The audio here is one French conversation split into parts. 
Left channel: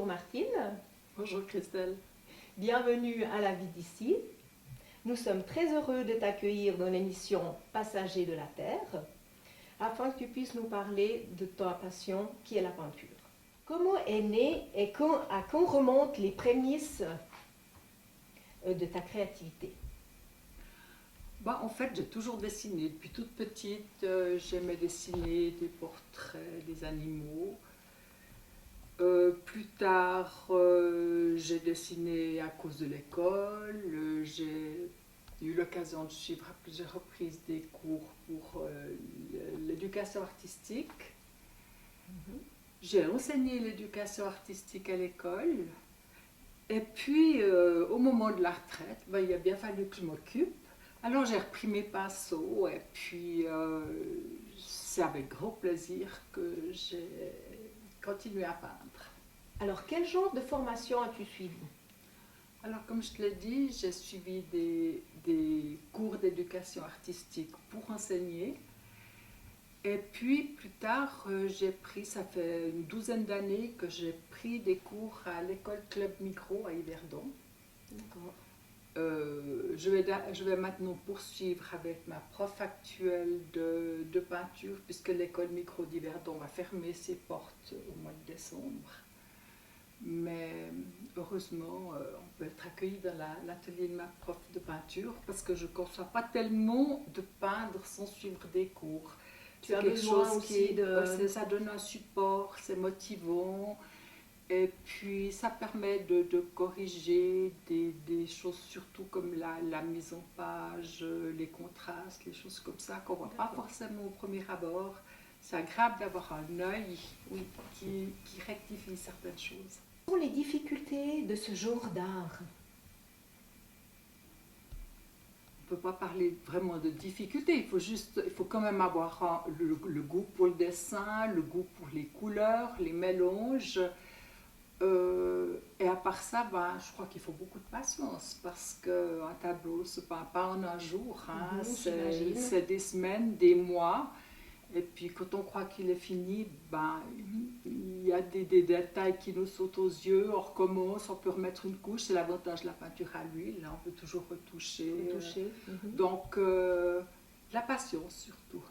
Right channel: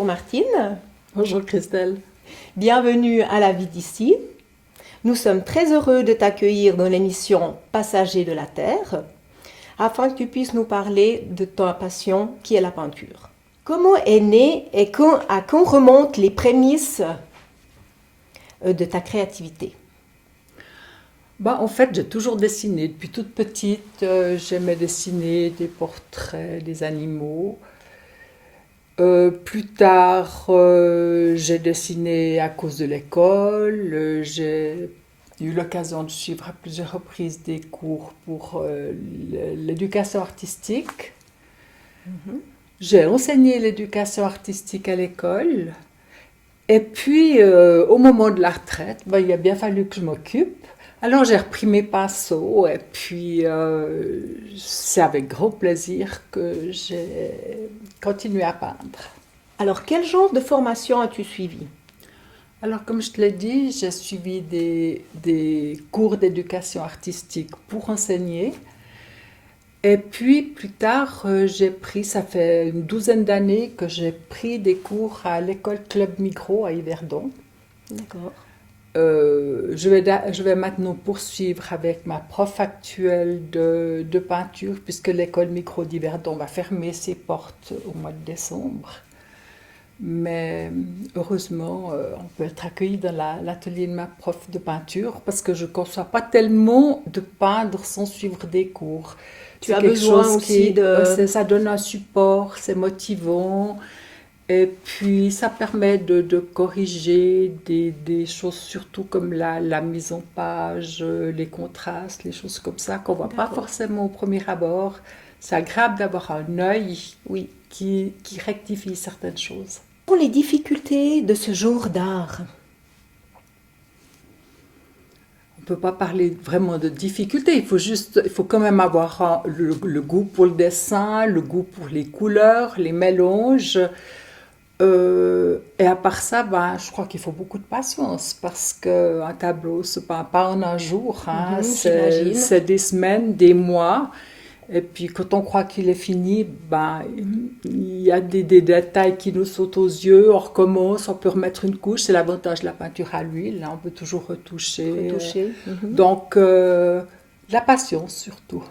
Bonjour Martine, Bonjour Christelle. bienvenue à La Vie d'ici. Nous sommes très heureux de t'accueillir dans l'émission Passagers de la Terre afin que tu puisses nous parler de ta passion qui est la peinture. Comment est née et à quand remontent les prémices de ta créativité? En fait, j'ai toujours dessiné. Depuis toute petite, j'aimais dessiner des portraits, des animaux. Plus tard, j'ai dessiné à cause de l'école. J'ai eu l'occasion de suivre à plusieurs reprises des cours pour l'éducation artistique. Mhm. J'ai enseigné l'éducation artistique à l'école. Et puis, au moment de la retraite, il a bien fallu que je m'occupe. Alors, j'ai repris mes pinceaux et puis c'est avec grand plaisir que j'ai continué à peindre. Alors, quel genre de formation as-tu suivi? Alors, comme je te l'ai dit, j'ai suivi des cours d'éducation artistique pour enseigner. Et puis, plus tard, ça fait une douzaine d'années que j'ai pris des cours à l'école Club Micro à Yverdon. D'accord. Je vais maintenant poursuivre avec ma prof actuelle de peinture, puisque l'école micro d'Yverdon va fermer ses portes au mois de décembre. Mais heureusement, on peut être accueilli dans l'atelier de ma prof de peinture, parce que je ne conçois pas tellement de peindre sans suivre des cours. Tu C'est as quelque besoin chose aussi de... ça donne un support, c'est motivant. Et puis, ça permet de corriger des choses, surtout comme la mise en page, les contrastes, les choses comme ça, qu'on ne voit pas D'accord. forcément au premier abord. C'est agréable d'avoir un œil Oui. qui rectifie certaines choses. Quelles sont les difficultés de ce genre d'art? On ne peut pas parler vraiment de difficulté, il faut quand même avoir le goût pour le dessin, le goût pour les couleurs, les mélanges. Et à part ça, je crois qu'il faut beaucoup de patience parce qu'un tableau ne se peint pas en un jour. Hein. J'imagine. C'est des semaines, des mois. Et puis quand on croit qu'il est fini, il y a des détails qui nous sautent aux yeux. On recommence, on peut remettre une couche. C'est l'avantage de la peinture à l'huile. Hein. On peut toujours retoucher. Retouché. Donc, la patience surtout.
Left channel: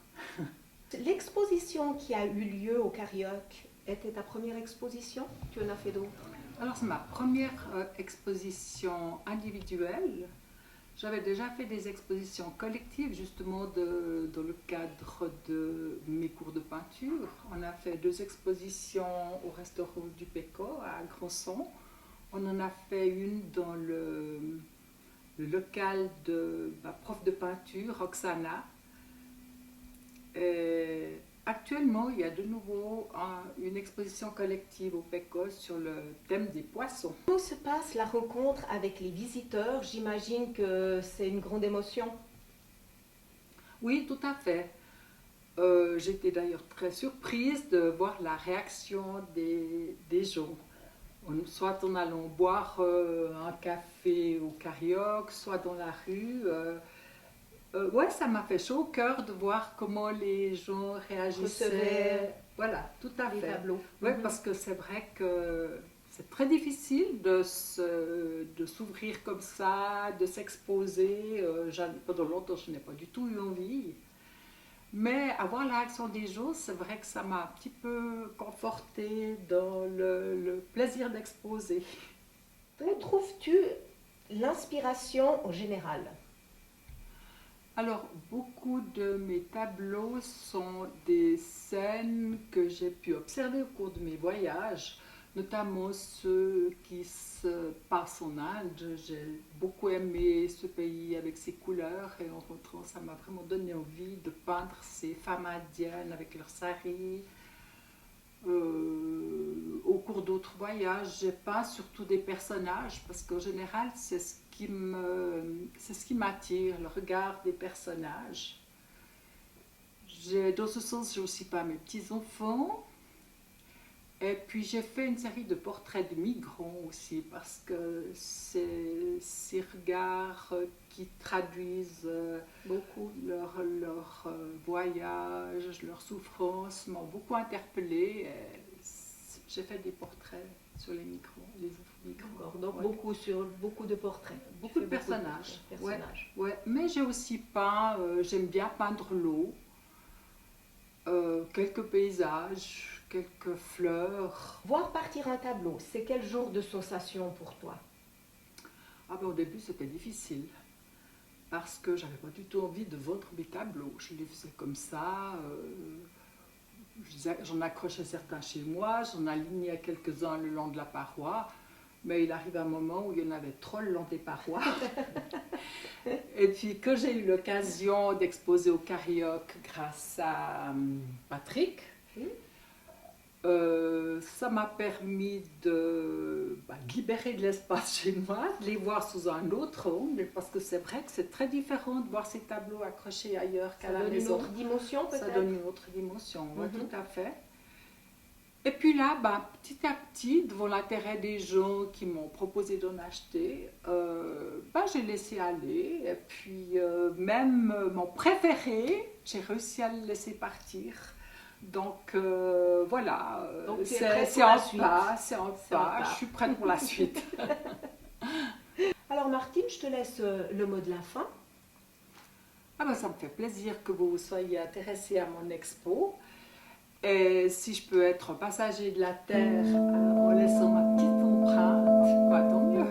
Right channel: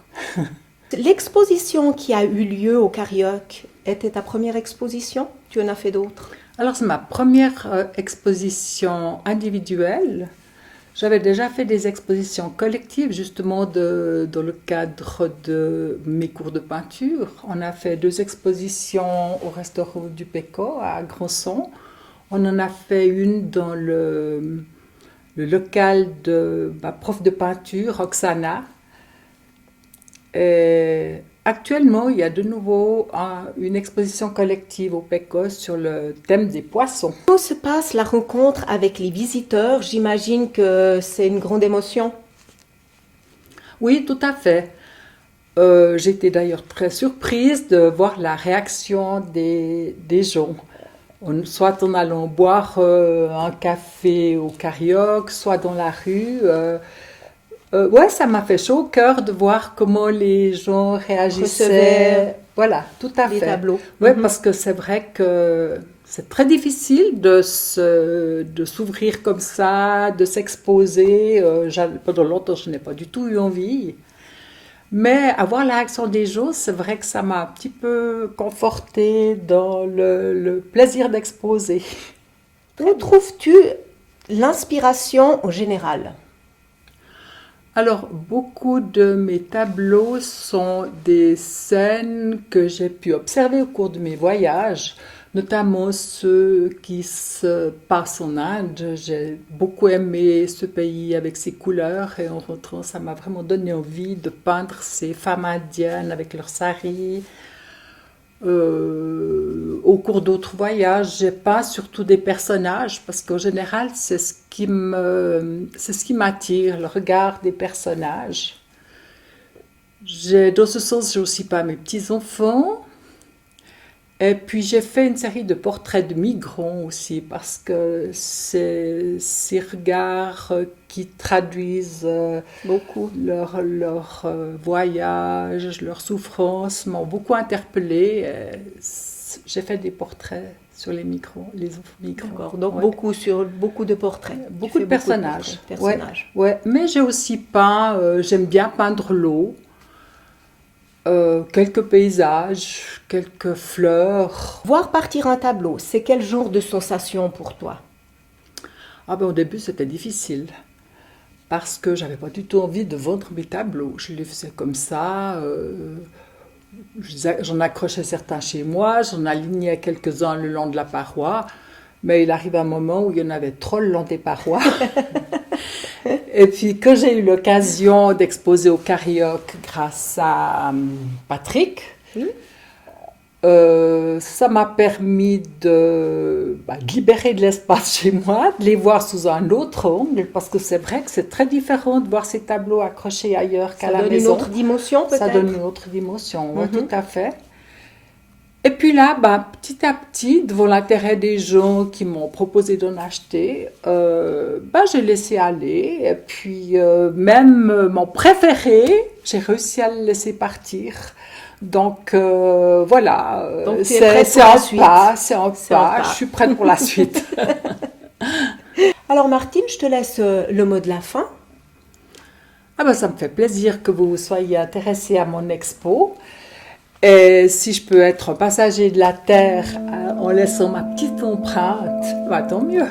L'exposition qui a eu lieu au Carioc était ta première exposition? Tu en as fait d'autres? Alors, c'est ma première exposition individuelle. J'avais déjà fait des expositions collectives, justement, dans le cadre de mes cours de peinture. On a fait 2 expositions au restaurant du Péco à Grandson. On en a fait une dans le local de ma prof de peinture, Roxana. Et actuellement, il y a de nouveau une exposition collective au Péco sur le thème des poissons. Comment se passe la rencontre avec les visiteurs? J'imagine que c'est une grande émotion. Oui, tout à fait. J'étais d'ailleurs très surprise de voir la réaction des gens. Soit en allant boire un café au Carioc, soit dans la rue. Ouais, ça m'a fait chaud au cœur de voir comment les gens Recevait réagissaient. Voilà, tout à les fait. tableaux. Ouais, parce que c'est vrai que c'est très difficile de s'ouvrir comme ça, de s'exposer. Pendant longtemps, je n'ai pas du tout eu envie. Mais avoir la réaction des gens, c'est vrai que ça m'a un petit peu confortée dans le plaisir d'exposer. Où trouves-tu l'inspiration en général? Alors, beaucoup de mes tableaux sont des scènes que j'ai pu observer au cours de mes voyages, notamment ceux qui se passent en Inde. J'ai beaucoup aimé ce pays avec ses couleurs et en rentrant, ça m'a vraiment donné envie de peindre ces femmes indiennes avec leurs saris. Au cours d'autres voyages, j'ai peint surtout des personnages parce qu'en général, c'est ce qui m'attire, le regard des personnages. Dans ce sens, j'ai aussi peint mes petits-enfants. Et puis j'ai fait une série de portraits de migrants aussi parce que c'est ces regards qui traduisent Beaucoup. leur voyage, leur souffrance m'ont beaucoup interpellée. J'ai fait des portraits sur les micros, les micros. D'accord, donc Ouais. beaucoup de portraits. Tu Beaucoup fais de personnages. personnages. Ouais. Mais j'ai aussi peint, j'aime bien peindre l'eau, quelques paysages, quelques fleurs. Voir partir un tableau, c'est quel genre de sensation pour toi? Ah ben, au début, c'était difficile parce que j'avais pas du tout envie de vendre mes tableaux. Je les faisais comme ça. J'en accrochais certains chez moi, j'en alignais quelques-uns le long de la paroi, mais il arrive un moment où il y en avait trop le long des parois. Et puis, quand j'ai eu l'occasion d'exposer au Carioc grâce à Patrick, Oui. ça m'a permis de libérer de l'espace chez moi, de les voir sous un autre angle, parce que c'est vrai que c'est très différent de voir ces tableaux accrochés ailleurs qu'à Ça la donne maison. une autre dimension peut-être? Ça donne une autre dimension, oui, Mhm. tout à fait. Et puis là, petit à petit, devant l'intérêt des gens qui m'ont proposé d'en acheter, j'ai laissé aller. Et puis, même mon préféré, j'ai réussi à le laisser partir. Donc, voilà, Donc, tu es prête c'est pour la en suite. pas, c'est en C'est en pas. pas. Je suis prête pour la suite. Alors Martine, je te laisse le mot de la fin. Ah ben, ça me fait plaisir que vous soyez intéressés à mon expo. Et si je peux être passager de la Terre en laissant ma petite empreinte, tant mieux.